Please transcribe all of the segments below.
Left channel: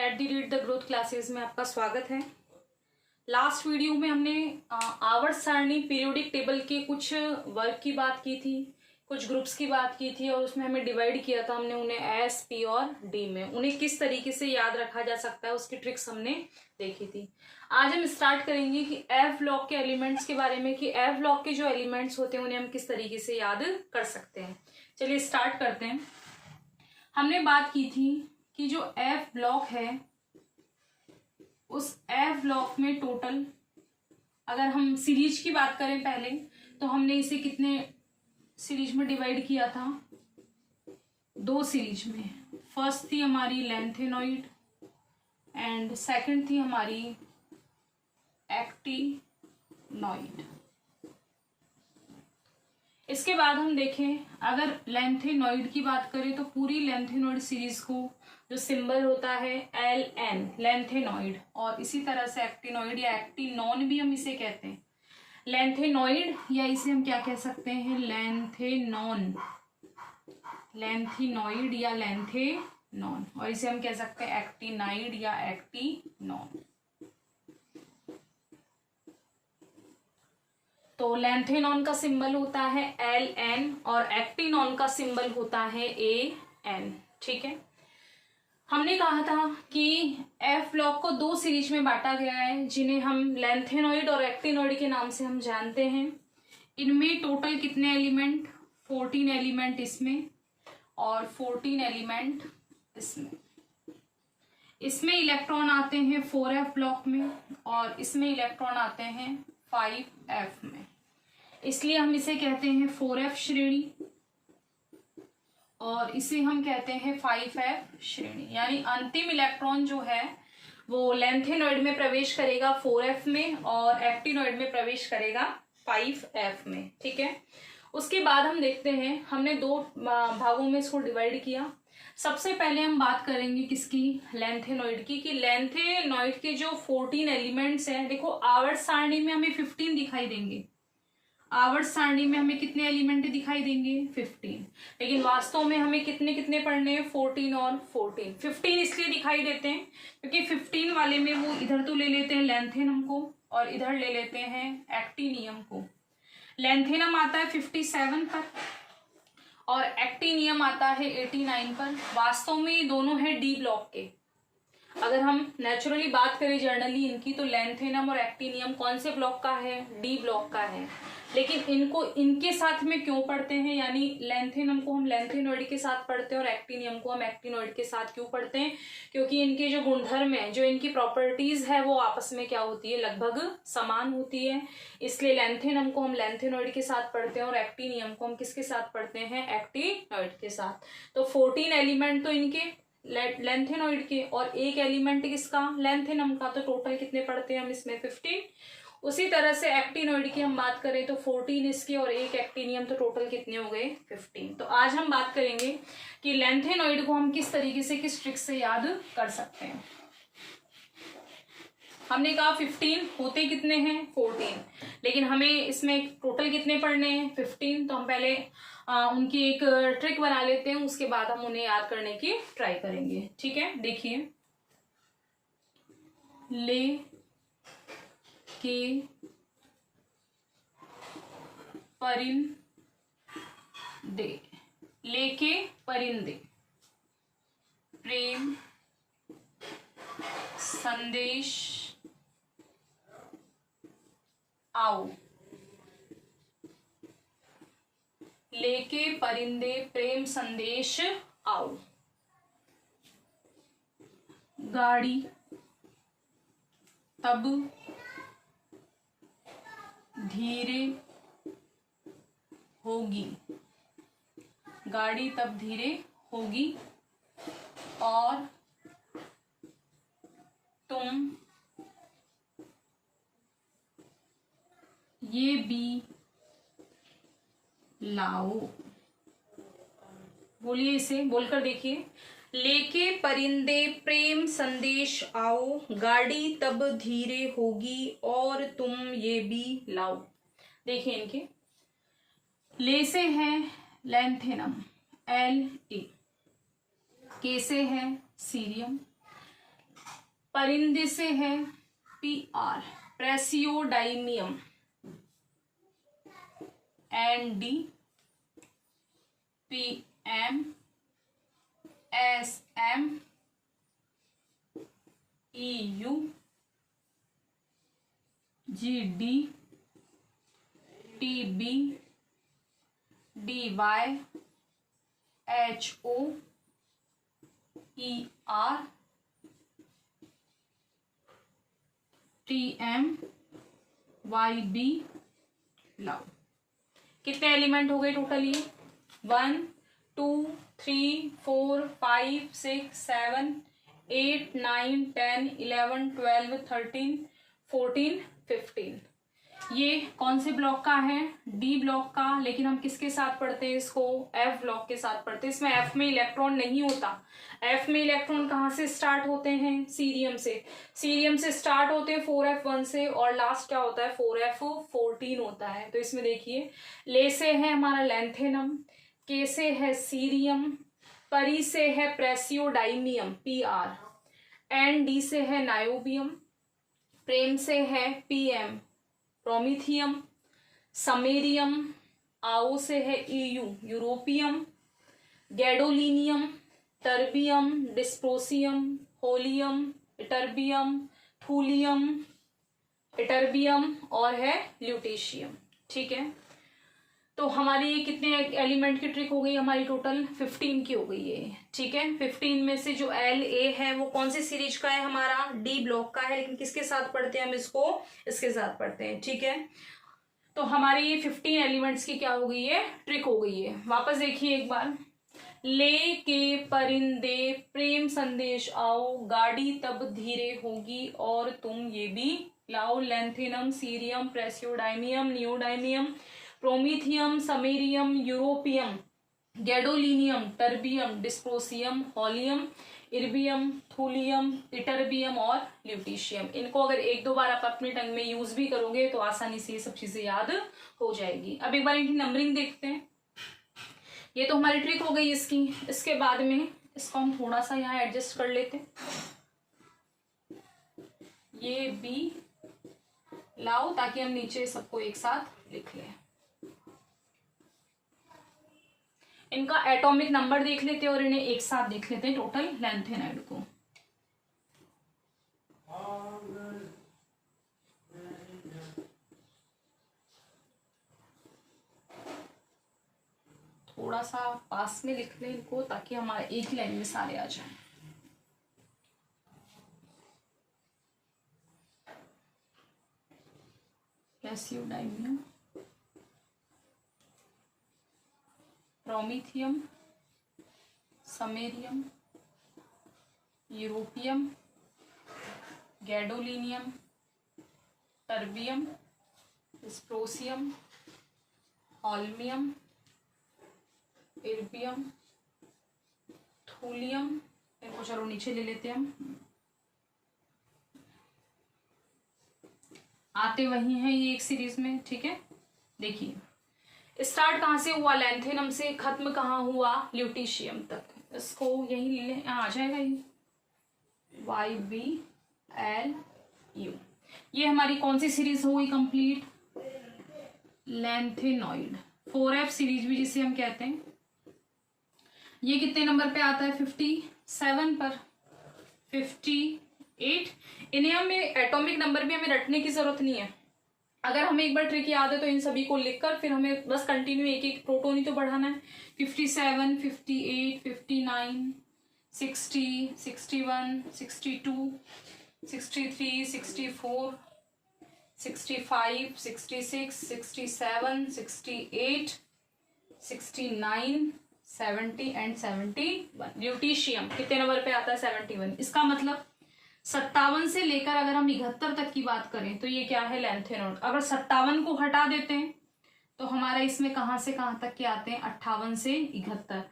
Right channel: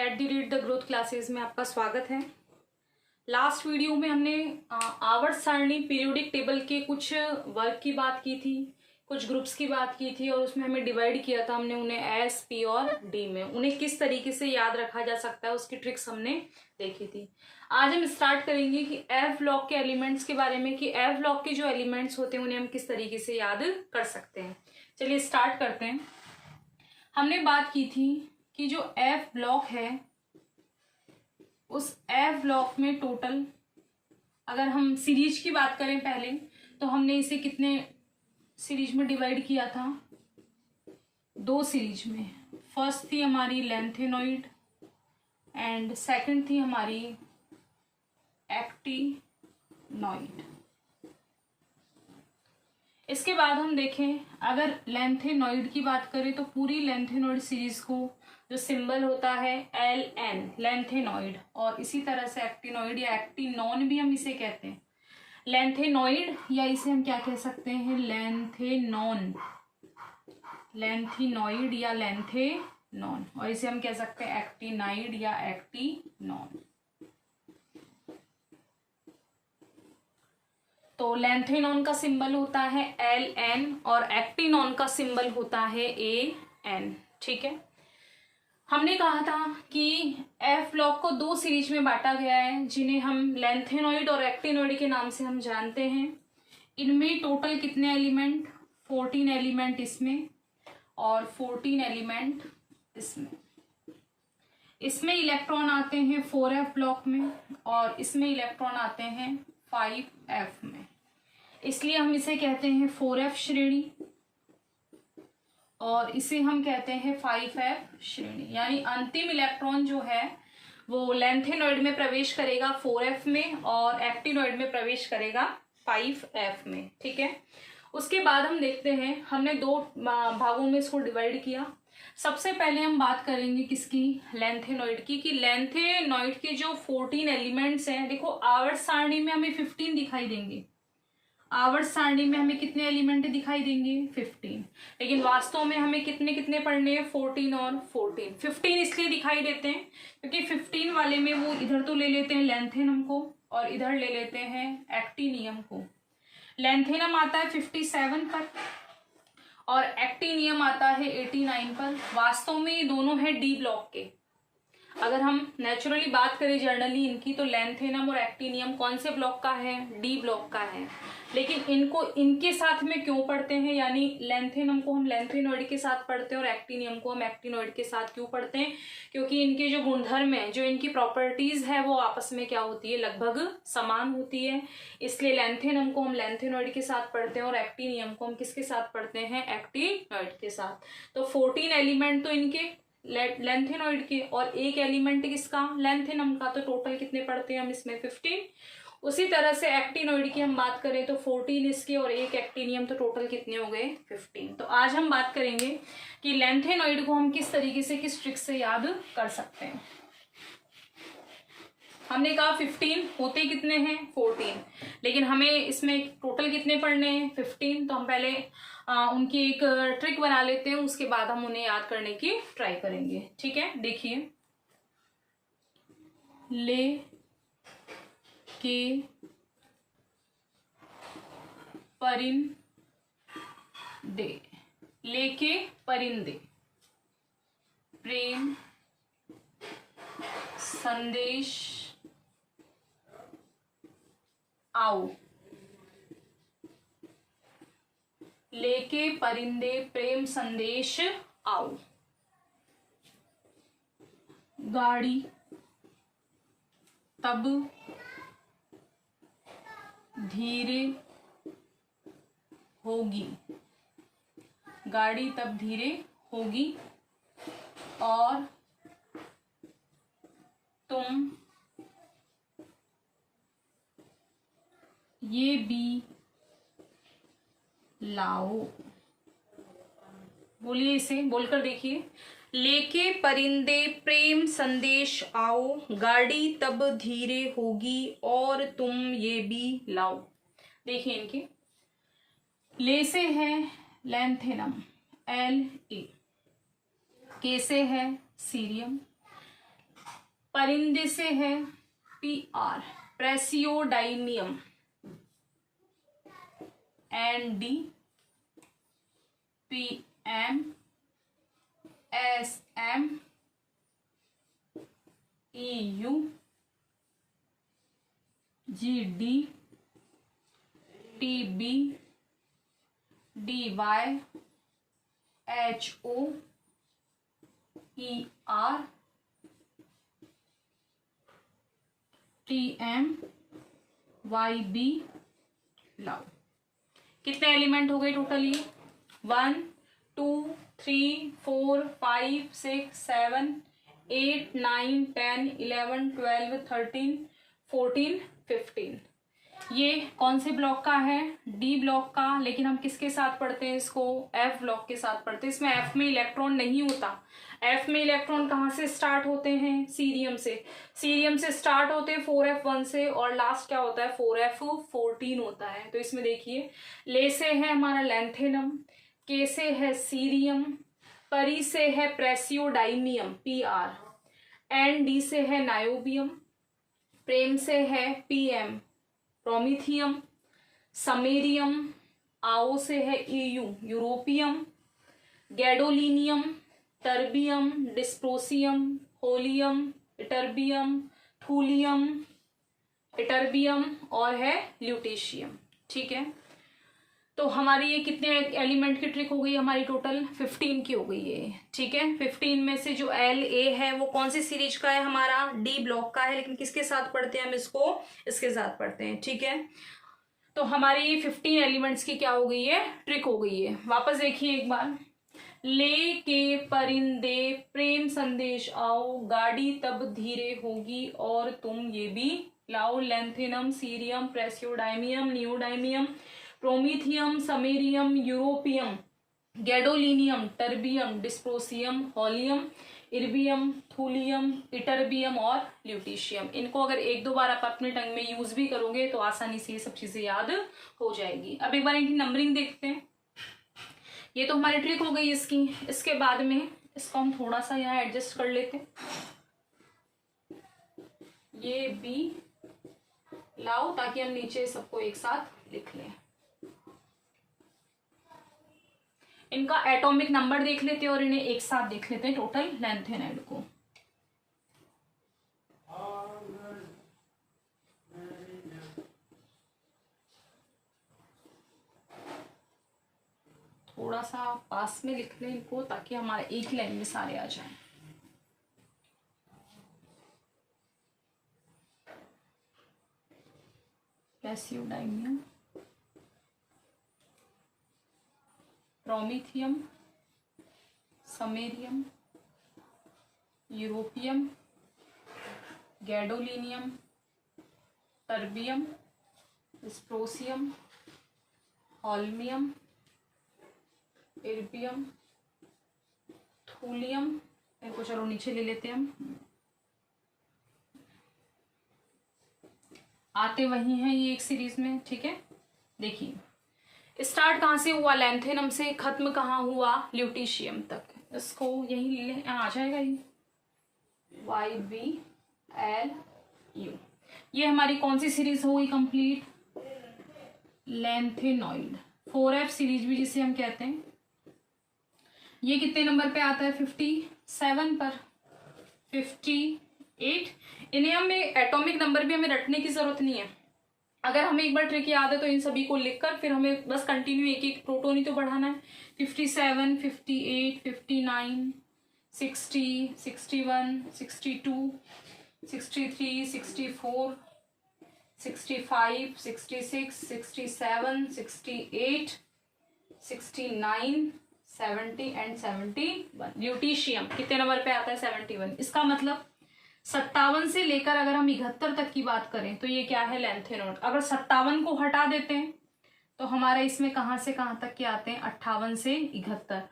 @the growth classes में आपका स्वागत है। लास्ट वीडियो में हमने आवर्त सारणी पीरियोडिक टेबल के कुछ वर्क की बात की थी, कुछ ग्रुप्स की बात की थी और उसमें हमें डिवाइड किया था हमने उन्हें एस, पी और डी में। उन्हें किस तरीके से याद रखा जा सकता है उसकी ट्रिक्स हमने देखी थी। आज हम स्टार्ट करेंगे कि एफ ब्लॉक के एलिमेंट्स के बारे में, कि एफ ब्लॉक के जो एलिमेंट्स होते हैं उन्हें हम किस तरीके से याद कर सकते हैं। चलिए स्टार्ट करते हैं। हमने बात की थी कि जो एफ ब्लॉक है उस एफ ब्लॉक में टोटल, अगर हम सीरीज की बात करें पहले, तो हमने इसे कितने सीरीज में डिवाइड किया था? 2 सीरीज में। फर्स्ट थी हमारी लेंथेनॉइड एंड सेकंड थी हमारी एक्टिनॉइड। इसके बाद हम देखें, अगर लेंथेनॉइड की बात करें तो पूरी लेंथेनॉइड सीरीज को जो सिंबल होता है LN, लेंथेनॉइड, और इसी तरह से एक्टिनॉइड या एक्टिनॉन भी हम इसे कहते हैं। लेंथेनॉइड या इसे हम क्या कह सकते हैं? लेंथेनॉन, लेंथेनॉइड या लेंथेनॉन, और इसे हम कह सकते हैं एक्टिनाइड या एक्टिनॉन। तो लेंथेनॉन का सिंबल होता है LN और एक्टिनॉन का सिंबल होता है AN। ठीक है, हमने कहा था कि एफ ब्लॉक को 2 सीरीज में बांटा गया है जिन्हें हम लेंथेनॉइड और एक्टिनॉइड के नाम से हम जानते हैं। इनमें टोटल कितने एलिमेंट? 14 एलिमेंट इसमें और 14 एलिमेंट इसमें। इसमें इलेक्ट्रॉन आते हैं 4f ब्लॉक में और इसमें इलेक्ट्रॉन आते हैं 5f में, इसलिए हम इसे कहते हैं 4f श्रेणी और इसे हम कहते हैं 5f श्रेणी। यानी अंतिम इलेक्ट्रॉन जो है वो लेंथेनॉइड में प्रवेश करेगा 4f में और एक्टिनॉइड में प्रवेश करेगा 5f में। ठीक है, उसके बाद हम देखते हैं, हमने 2 भागों में इसको डिवाइड किया। सबसे पहले हम बात करेंगे किसकी? लेंथेनॉइड की। कि लेंथेनॉइड के जो 14 एलिमेंट्स हैं, देखो आवर्त सारणी में हमें 15 दिखाई देंगे, आवर्त सारणी में हमें कितने एलिमेंट दिखाई देंगे? 15, लेकिन वास्तव में हमें कितने कितने पढ़ने हैं? 14 और 14। 15 इसलिए दिखाई देते हैं क्योंकि 15 वाले में वो इधर तो ले लेते हैं लेंथेनम को और इधर ले लेते हैं एक्टिनियम को। लेंथेनम आता है 57 पर और एक्टिनियम आता है 89 पर। वास्तव में ये दोनों है डी ब्लॉक के। अगर हम नेचुरली बात करें जर्नली इनकी, तो लेंथेनम और एक्टिनियम कौन से ब्लॉक का है? डी ब्लॉक का है। लेकिन इनको इनके साथ में क्यों पढ़ते हैं? यानी लेंथेनम को हम लेंथेनॉइड के साथ पढ़ते हैं और एक्टिनियम को हम एक्टिनॉइड के साथ क्यों पढ़ते हैं? क्योंकि इनके जो गुणधर्म है, जो इनकी प्रॉपर्टीज है, वो आपस में क्या होती है? लगभग समान होती है। इसलिए लेंथेनम को हम लेंथेनॉइड के साथ पढ़ते हैं और एक्टिनियम को हम किसके साथ पढ़ते हैं? एक्टिनॉइड के साथ। तो 14 एलिमेंट तो इनके लेंथेनॉइड के और 1 एलिमेंट किसका? लेंथेनम का। तो टोटल कितने पढ़ते हैं हम इसमें? 15। उसी तरह से एक्टिनॉइड की हम बात करें तो 14 इसके और 1 एक्टिनियम, तो टोटल कितने हो गए? 15। तो आज हम बात करेंगे कि लेंथेनॉइड को हम किस तरीके से, किस ट्रिक से याद कर सकते हैं। हमने कहा 15, होते कितने हैं? 14, लेकिन हमें इसमें टोटल कितने पढ़ने हैं? 15। तो हम पहले उनकी एक ट्रिक बना लेते हैं, उसके बाद हम उन्हें याद करने की ट्राई करेंगे। ठीक है, देखिए, ले के परिंदे, लेके परिंदे प्रेम संदेश आओ। लेके परिंदे प्रेम संदेश आओ। गाड़ी तब धीरे होगी, गाड़ी तब धीरे होगी और तुम ये भी लाओ। बोलिए, इसे बोलकर देखिए। लेके परिंदे प्रेम संदेश आओ, गाड़ी तब धीरे होगी और तुम ये भी लाओ। देखिए इनके, ले से है लेंथेनम LA, के से है सीरियम, परिंदे से है PR, प्रेसियोडाइमियम, ND, PM, SM, EU, GD, TB, DY, HO, ER, TM, YB, love. कितने एलिमेंट हो गए टोटल ये? 1 2 3 4 5 6 7 8 9 10 11 12 13 14 15। ये कौन से ब्लॉक का है? डी ब्लॉक का। लेकिन हम किसके साथ पढ़ते हैं इसको? एफ ब्लॉक के साथ पढ़ते हैं। इसमें एफ में इलेक्ट्रॉन नहीं होता। एफ में इलेक्ट्रॉन कहाँ से स्टार्ट होते हैं? सीरियम से। सीरियम से स्टार्ट होते हैं 4f1 से, और लास्ट क्या होता है? 4f14 होता है। तो इसमें देखिए, ले से है हमारा लैंथेनम, के से है सीरियम, परी से है प्रेसियोडाइमियम PR, एन डी से है नायोबियम, प्रेम से है PM प्रोमीथियम, समेरियम, आओ से है EU europium, gadolinium, terbium, dysprosium, holmium, ytterbium, thulium, ytterbium, और है ल्यूटेशियम। ठीक है, तो हमारी ये कितने एलिमेंट की ट्रिक हो गई? हमारी टोटल 15 की हो गई है। ठीक है, 15 में से जो LA है वो कौन सी सीरीज का है? हमारा डी ब्लॉक का है। लेकिन किसके साथ पढ़ते हैं हम इसको? इसके साथ पढ़ते हैं। ठीक है, तो हमारी ये 15 एलिमेंट्स की क्या हो गई है? ट्रिक हो गई है। वापस देखिए एक बार। ले के परिंदे प्रेम संदेश आओ, गाड़ी तब धीरे होगी और तुम ये भी लाओ, lanthanum, cerium, praseodymium, neodymium, promethium, samarium, europium, gadolinium, terbium, dysprosium, holmium, erbium, thulium, ytterbium और ल्यूटेशियम। इनको अगर एक दो बार आप अपने टंग में यूज भी करोगे तो आसानी से ये सब चीजें याद हो जाएगी। अब एक बार इनकी नंबरिंग देखते हैं। ये तो हमारी ट्रिक हो गई इसकी। इसके बाद में इसको हम थोड़ा सा यहाँ एडजस्ट कर लेते हैं। ये भी लाओ ताकि हम नीचे सबको एक साथ लिख लें। इनका एटॉमिक नंबर देख लेते हैं और इन्हें एक साथ देख लेते हैं टोटल लैंथेनाइड को। थोड़ा सा पास में लिख लें इनको ताकि हमारे एक लाइन में सारे आ जाएं। Praseodymium, promethium, samarium, europium, gadolinium, terbium, dysprosium, holmium, erbium, thulium. इनको चलो नीचे ले लेते हैं हम। आते वही हैं ये एक सीरीज में। ठीक है, देखिए स्टार्ट कहाँ से हुआ? लैंथेनम से। खत्म कहाँ हुआ? ल्यूटेशियम तक। इसको यही आ जाएगा ये YBLU। ये हमारी कौन सी सीरीज हो गई कंप्लीट? लैंथेनॉइड 4F सीरीज भी जिसे हम कहते हैं। ये कितने नंबर पे आता है? 57 पर, 58। इन्हें हमें एटॉमिक नंबर भी हमें रटने की जरूरत नहीं है। अगर हमें एक बार ट्रिक याद है तो इन सभी को लिखकर फिर हमें बस कंटिन्यू एक एक प्रोटॉन ही तो बढ़ाना है। 57, 58, 59, 60, 61, 62, 63, 64, 65, 66, 67, 68, 69, 70 एंड 71। ल्यूटेशियम कितने नंबर पे आता है? 71। इसका मतलब 57 से लेकर अगर हम 71 तक की बात करें तो ये क्या है? लैंथेनॉइड। अगर 57 को हटा देते हैं तो हमारा इसमें कहाँ से कहाँ तक के आते हैं? 58 से 71।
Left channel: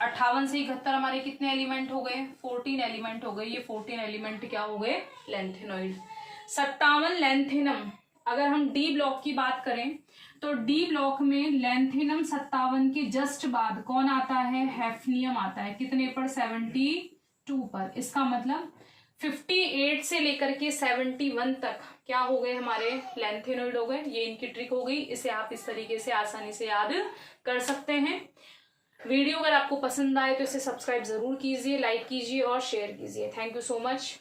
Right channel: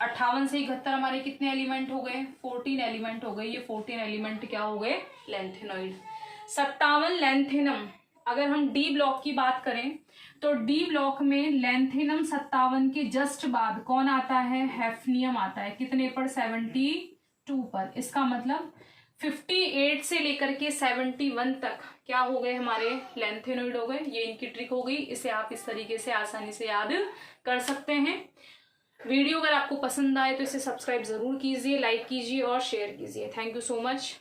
58 से 71 हमारे कितने एलिमेंट हो गए? 14 एलिमेंट हो गए। ये 14 एलिमेंट क्या हो गए? लैंथेनॉइड। 57 लैंथेनम। अगर हम डी ब्लॉक की बात करें तो डी ब्लॉक में लैंथेनम 57 के जस्ट बाद कौन आता है? हैफनियम आता है। कितने पर? 72 पर। इसका मतलब 58 से लेकर के 71 तक क्या हो गए, हमारे लेंथेनॉइड हो गए। ये इनकी ट्रिक हो गई, इसे आप इस तरीके से आसानी से याद कर सकते हैं। वीडियो अगर आपको पसंद आए तो इसे सब्सक्राइब जरूर कीजिए, लाइक कीजिए और शेयर कीजिए। Thank you so much.